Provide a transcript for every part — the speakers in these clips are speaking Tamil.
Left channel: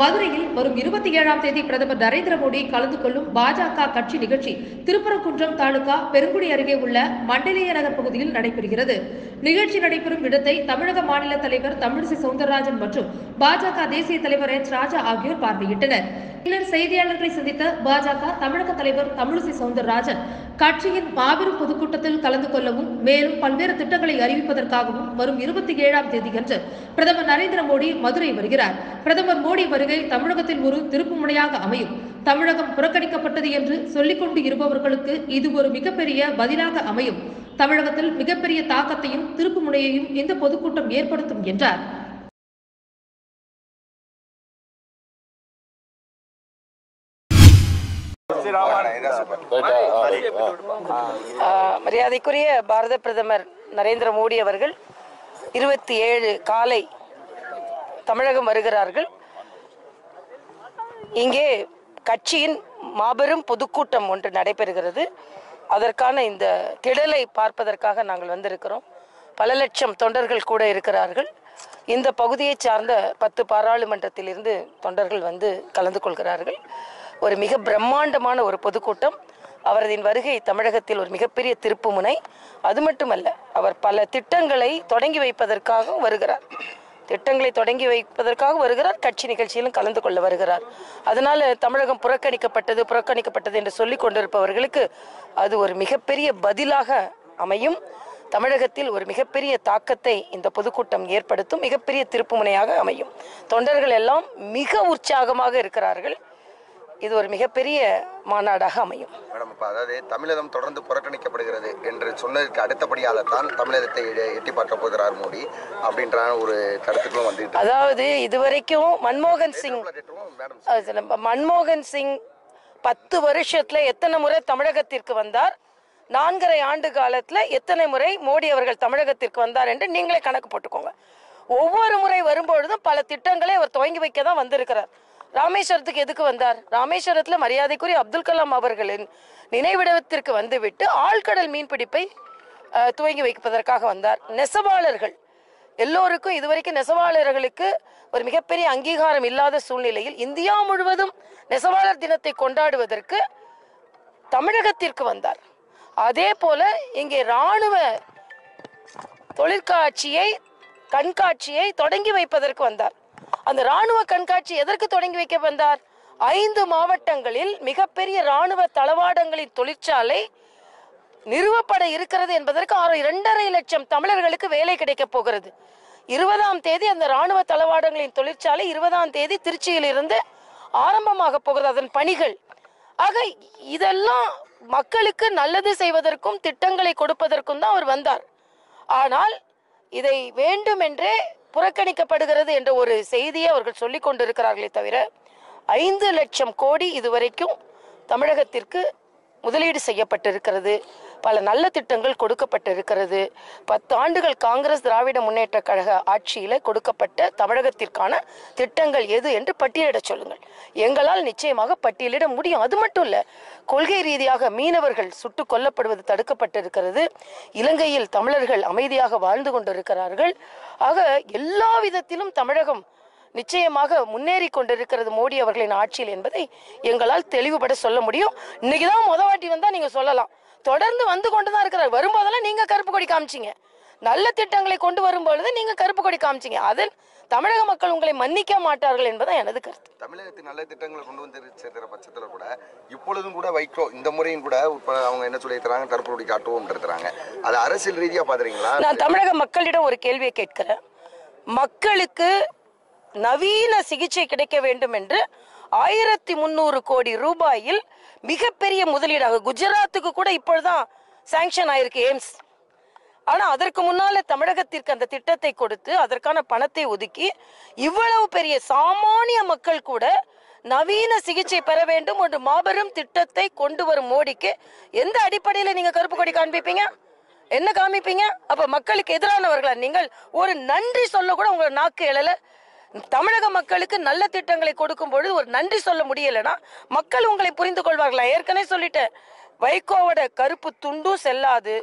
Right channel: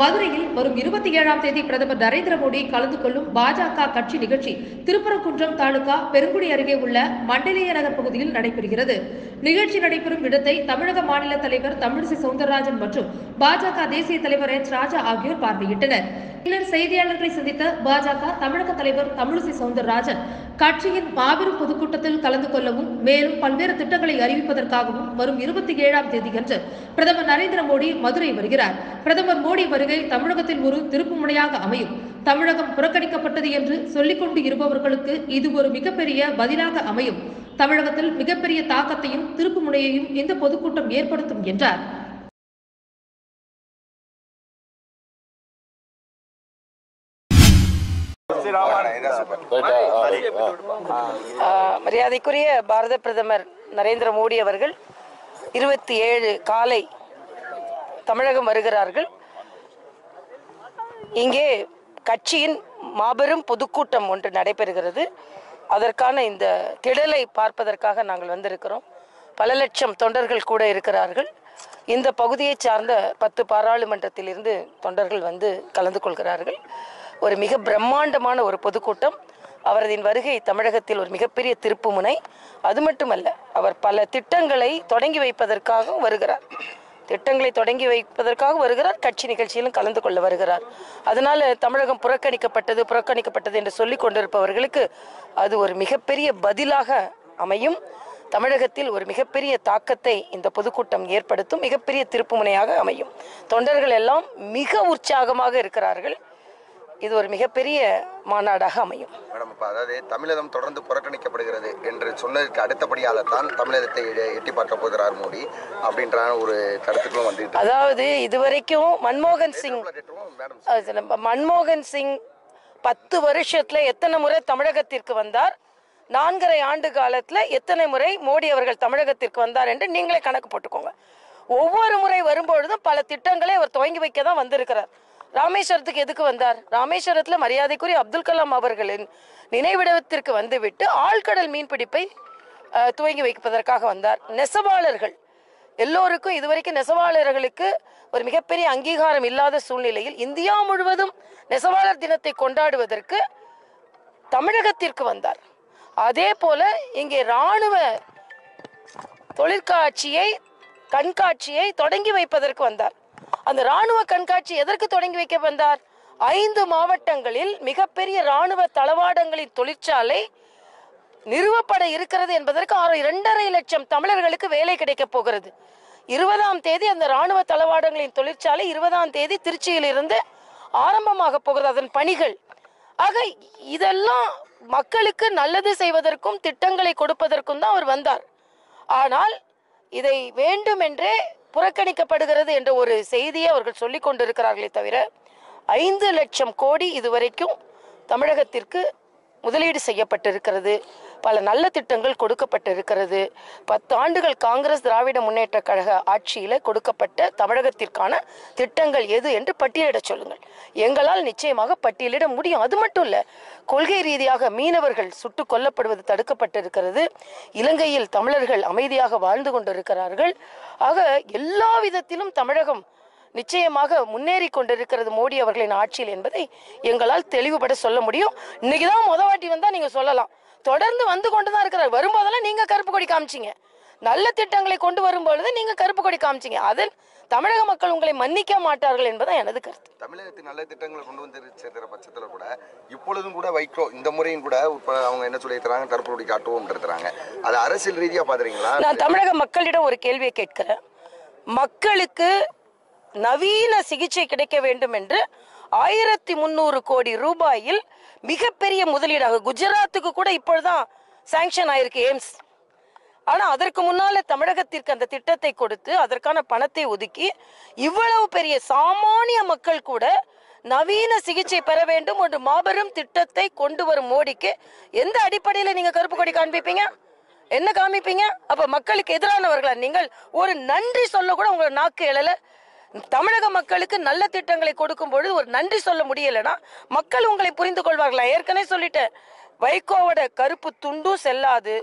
மதுரையில் வரும் இருபத்தி ஏழாம் தேதி பிரதமர் நரேந்திர மோடி கலந்து கொள்ளும் பாஜக கட்சி நிகழ்ச்சி திருப்பரங்குன்றம் தாலுகா பெருங்குடி அருகே உள்ள மண்டலேய நகர் பகுதியில் நடைபெறுகிறது. நிகழ்ச்சி நடைபெறும் இடத்தை தமிழக மாநில தலைவர் தமிழிசை சவுந்தரராஜன் மற்றும் பாஜக தேசிய தலைவர் எச் ராஜா ஆகியோர் பார்வையிட்டனர். பின்னர் செய்தியாளர்களை சந்தித்த பாஜக தமிழக தலைவர் தமிழிசை சவுந்தரராஜன் கட்சியின் மாபெரும் பொதுக்கூட்டத்தில் கலந்து கொள்ளவும் மேலும் பல்வேறு திட்டங்களை அறிவிப்பதற்காகவும் வரும் இருபத்தி ஏழாம் தேதியன்று பிரதமர் நரேந்திர மோடி மதுரை வருகிறார். பிரதமர் மோடி வருகை தமிழகத்தில் ஒரு திருப்புமுனையாக அமையும். தமிழகம் புறக்கணிக்கப்பட்டது என்று சொல்லிக்கொண்டு இருப்பவர்களுக்கு இது ஒரு மிகப்பெரிய பதிலாக அமையும். தமிழகத்தில் மிகப்பெரிய தாக்கத்தையும் திருப்புமுனையையும் இந்த பொதுக்கூட்டம் ஏற்படுத்தும் என்றார். மரியாதைக்குரிய பாரத பிரதமர் நரேந்திர மோடி அவர்கள் இருபத்தி ஏழு காலை தமிழகம் வருகிறார்கள். இங்கே கட்சியின் மாபெரும் பொதுக்கூட்டம் ஒன்று நடைபெறுகிறது. அதற்கான இந்த திடலை பார்ப்பதற்காக நாங்கள் வந்திருக்கிறோம். பல லட்சம் தொண்டர்கள் கூட இருக்கிறார்கள். இந்த பகுதியைச் சார்ந்த பத்து பாராளுமன்றத்திலிருந்து தொண்டர்கள் வந்து கலந்து கொள்கிறார்கள். ஒரு மிக பிரம்மாண்டமான ஒரு பொதுக்கூட்டம். அவரதின் வருகை தமிழகத்தில் ஒரு மிகப்பெரிய திருப்புமுனை. அது மட்டுமல்ல அவர் பல திட்டங்களை தொடங்கி வைப்பதற்காகவும் வருகிறார். திட்டங்களை தொடங்கி வைப்பதற்காக வருகிறார். கட்சி நிகழ்ச்சியிலும் கலந்து கொள்ள வருகிறார். அதனால தமிழகம் புறக்கணிக்கப்பட்டது புறக்கணிக்கப்பட்டது என்று சொல்லி கொண்டிருப்பவர்களுக்கு அது ஒரு மிகப்பெரிய பதிலாக அமையும். தமிழகத்தில் ஒரு மிகப்பெரிய தாக்கத்தை இந்த பொதுக்கூட்டம் ஏற்படுத்தும் மிகப்பெரிய திருப்புமுனையாக அமையும். தொண்டர்கள் எல்லாம் மிக உற்சாகமாக இருக்கிறார்கள். இது ஒரு மிகப்பெரிய மாநாடாக அமையும். மேடம் இப்போ அதாவது தமிழகம் தொடர்ந்து புறக்கணிக்கப்படுகிறது என்று சொன்னதுக்கு அடுத்தபடியாகத்தான் தமிழகத்தை எ- எட்டி பார்க்க போகிறார் மோடி அப்படின்ற ஒரு கருத்துக்களும் வந்துட்டு அதாவது இதுவரைக்கும் மன்மோகன் சிங் மன்மோகன் சிங் பத்து வருஷத்துல எத்தனை முறை தமிழகத்திற்கு வந்தார்? நான்கரை ஆண்டு காலத்துல எத்தனை முறை மோடி அவர்கள் தமிழகத்திற்கு வந்தார் என்று நீங்களே கணக்கு போட்டுக்கோங்க. ஒவ்வொரு முறை வரும்பொழுதும் பல திட்டங்களை அவர் துவங்கி வைக்க தான் வந்திருக்கிறார். ராமேஸ்வரத்துக்கு எதுக்கு வந்தார்? ராமேஸ்வரத்துல மரியாதைக்குரிய அப்துல் கலாம் அவர்களின் நினைவிடத்திற்கு வந்துவிட்டு ஆழ்கடல் மீன்பிடிப்பை துவங்கி வைப்பதற்காக வந்தார். நெசவாளர்கள். எல்லோருக்கும் இதுவரைக்கும் நெசவாளர்களுக்கு ஒரு மிகப்பெரிய அங்கீகாரம் இல்லாத சூழ்நிலையில் இந்தியா முழுவதும் நெசவாளர் தினத்தை கொண்டாடுவதற்கு தமிழகத்திற்கு வந்தார். அதே போல இங்கே ராணுவ தொழிற்காட்சியை கண்காட்சியை தொடங்கி வைப்பதற்கு வந்தார். அந்த ராணுவ கண்காட்சி எதற்கு தொடங்கி வைக்க வந்தார்? ஐந்து மாவட்டங்களில் மிகப்பெரிய ராணுவ தளவாடங்களின் தொழிற்சாலை நிறுவப்பட இருக்கிறது என்பதற்கு ஆறு இரண்டரை லட்சம் தமிழர்களுக்கு வேலை கிடைக்கப் போகிறது. இருபதாம் தேதி அந்த ராணுவ தளவாடங்களின் தொழிற்சாலை இருபதாம் தேதி திருச்சியில் இருந்து ஆரம்பமாக போகிறது அதன் பணிகள். ஆக இதெல்லாம் மக்களுக்கு நல்லது செய்வதற்கும் திட்டங்களை கொடுப்பதற்கும் தான் அவர் வந்தார். ஆனால் இதை வேண்டுமென்றே புறக்கணிக்கப்படுகிறது என்ற ஒரு செய்தியை அவர்கள் சொல்லிக் கொண்டிருக்கிறார்களே தவிர ஐந்து லட்சம் கோடி இதுவரைக்கும் தமிழகத்திற்கு முதலீடு செய்யப்பட்டிருக்கிறது. பல நல்ல திட்டங்கள் கொடுக்கப்பட்டிருக்கிறது. பத்து ஆண்டுகள் காங்கிரஸ் திராவிட முன்னேற்ற கழக ஆட்சியில கொடுக்கப்பட்ட தமிழகத்திற்கான திட்டங்கள் எது என்று பட்டியலிடச் சொல்லுங்கள். எங்களால் நிச்சயமாக பட்டியலிட முடியும். அது மட்டும் இல்ல கொள்கை ரீதியாக மீனவர்கள் சுட்டு கொல்லப்படுவது தடுக்கப்பட்டிருக்கிறது. இலங்கையில் தமிழர்கள் அமைதியாக வாழ்ந்து கொண்டிருக்கிறார்கள். ஆக எல்லா விதத்திலும் தமிழகம் நிச்சயமாக முன்னேறி கொண்டிருக்கிறது மோடி அவர்களின் ஆட்சியில் என்பதை எங்களால் தெளிவுபட சொல்ல முடியும். இன்னைக்கு தான் முத வாட்டி வந்தா நீங்க சொல்லலாம். தொடர்ந்து வந்து கொண்டு தான் இருக்கிறார். வரும்போதெல்லாம் நீங்க கருப்பு கொடி காமிச்சீங்க. நல்ல திட்டங்களை கொண்டு வரும்பொழுது நீங்க கருப்பு கொடி காமிச்சீங்க. அதில் தமிழக மக்கள் உங்களை மன்னிக்க மாட்டார்கள் என்பதுதான் எனது கருத்து. தமிழகத்தின் நல்ல திட்டங்களை கொண்டு வந்து சேர்க்கிற பட்சத்தில் கூட இப்பொழுதும் கூட வைக்கோ இந்த முறையும் கூட இப்போ அவங்க என்ன சொல்லியிருக்கிறாங்க கருப்புடி காட்டுவோம் இருக்கிறாங்க அது அரசியல் ரீதியாக பார்க்குறீங்களா நான் தமிழக மக்களிடம் ஒரு கேள்வியை கேட்கிறேன். மக்களுக்கு நவீன சிகிச்சை கிடைக்க வேண்டும் என்று ஆயிரத்தி முந்நூறு கோடி ரூபாயில் மிகப்பெரிய முதலீடாக குஜராத்துக்கு கூட இப்பொழுதுதான் சாங்ஷன் ஆயிருக்கு எய்ம்ஸ். ஆனா அதற்கு முன்னால தமிழகத்திற்கு அந்த திட்டத்தை கொடுத்து அதற்கான பணத்தை ஒதுக்கி இவ்வளவு பெரிய சாமானிய மக்கள் கூட நவீன சிகிச்சை பெற வேண்டும் ஒரு மாபெரும் திட்டத்தை கொண்டு வரும் மோடிக்கு எந்த அடிப்படையில நீங்க கருப்பு கொடி காண்பிப்பீங்க? என்ன காமிப்பீங்க அப்ப மக்களுக்கு எதிரானவர்களா நீங்கள்? ஒரு நன்றி சொல்ல கூட உங்களை நாக்கு எழல. தமிழக மக்களுக்கு நல்ல திட்டங்களை கொடுக்கும் பொழுது ஒரு நன்றி சொல்ல முடியலனா மக்கள் உங்களை புரிந்து கொள்வார்களா? ஏற்கனவே சொல்லிட்டேன். வைகோவோட கருப்பு துண்டும் செல்லாது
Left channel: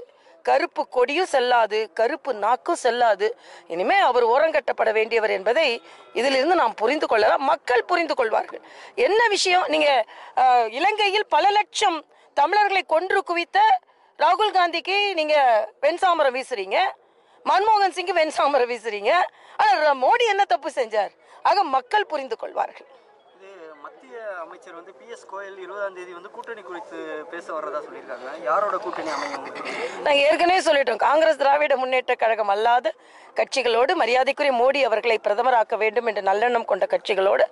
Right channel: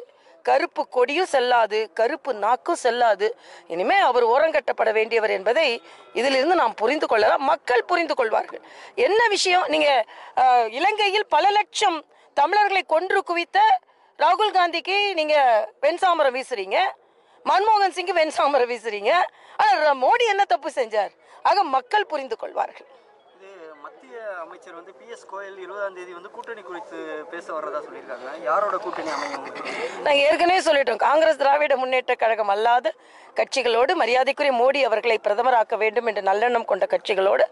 கருப்பு கொடியும் செல்லாது கருப்பு நாக்கும் செல்லாது. இனிமே அவர் ஓரங்கட்டப்பட வேண்டியவர் என்பதை இதிலிருந்து நாம் புரிந்து கொள்ளலாம். மக்கள் புரிந்து கொள்வார்கள். என்ன விஷயம்? நீங்க இலங்கையில் பல லட்சம் தமிழர்களை கொன்று குவித்த ராகுல் காந்திக்கு நீங்க வெண்சாமரம் வீசுறீங்க. மன்மோகன் சிங் வெண்சாமரம் வீசுறீங்க. ஆனா மோடி என்ன தப்பு செஞ்சார்? ஆக மக்கள் புரிந்து கொள்வார்கள். இது மத்திய அமைச்சர் வந்து பி எஸ் கோயல் இருபதாம் தேதி வந்து கூட்டணி குறித்து பேச வர்றதா சொல்லியிருக்காங்க. யாரோட கூட்டணி அமையும்? நாங்க ஏற்கனவே சொல்லிட்டோம். காங்கிரஸ் திராவிட முன்னேற்ற கழகம் அல்லாத கட்சிகளோடு மரியாதைக்குரிய மோடி அவர்களை பிரதமராக்க வேண்டும் என்ற நல்லெண்ணம் கொண்ட கட்சிகளோடு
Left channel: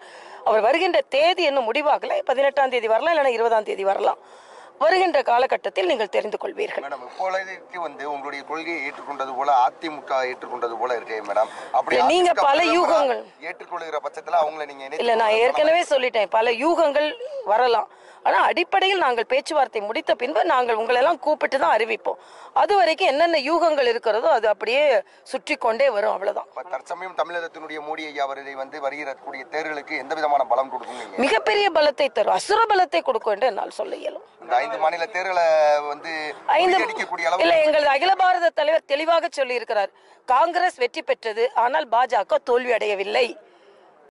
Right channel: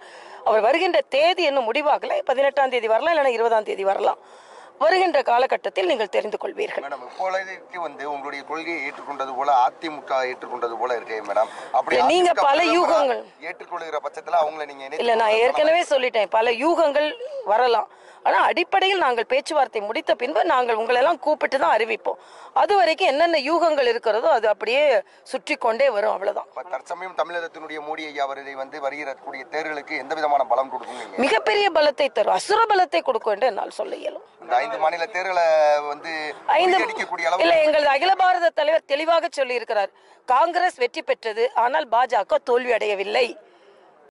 அவர் வருகின்ற தேதி இன்னும் முடிவாகல. பதினெட்டாம் தேதி வரலாம் இல்லைன்னா இருபதாம் தேதி வரலாம். வருகின்ற காலகட்டத்தில் நீங்கள் தெரிந்து கொள்வீர்கள். மேடம் இப்பொழுதைக்கு வந்து உங்களுடைய கொள்கையை ஏற்றுக்கொண்டது போல அதிமுக ஏற்றுக்கொண்டது போல இருக்கே மேடம். அப்படி நீங்க பல யூகங்கள். ஏற்றுக்கொள்கிற பட்சத்துல அவங்கள நீங்க இல்ல நான். ஏற்கனவே சொல்லிட்டேன். பல யூகங்கள் வரலாம். ஆனா அடிப்படையில் நாங்கள் பேச்சுவார்த்தை முடித்த பின்பு நாங்கள் உங்களெல்லாம் கூப்பிட்டு தான் அறிவிப்போம். அது வரைக்கும் என்னென்ன யூகங்கள் இருக்கிறதோ அது அப்படியே சுற்றி கொண்டே வரும் அவ்வளவுதான். இப்ப தற்சமயம் தமிழகத்தினுடைய மோடி ஐயா அவர்களை வந்து வருகிற கூடிய தேர்தலுக்கு எந்த விதமான பலம் கொடுக்கும் மிகப்பெரிய பலத்தை தரும். அசுர பலத்தை கொடுக்கும் என்று என்னால் சொல்ல இயலும். ஐந்து மாநில தேர்தலை வந்து இல்ல எங்களது அகில பாரத தலைவர் தெளிவாக சொல்லி இருக்கிறார் காங்கிரஸ் வெற்றி பெற்றது ஆனால் பாஜக தோல்வி அடையவில்லை.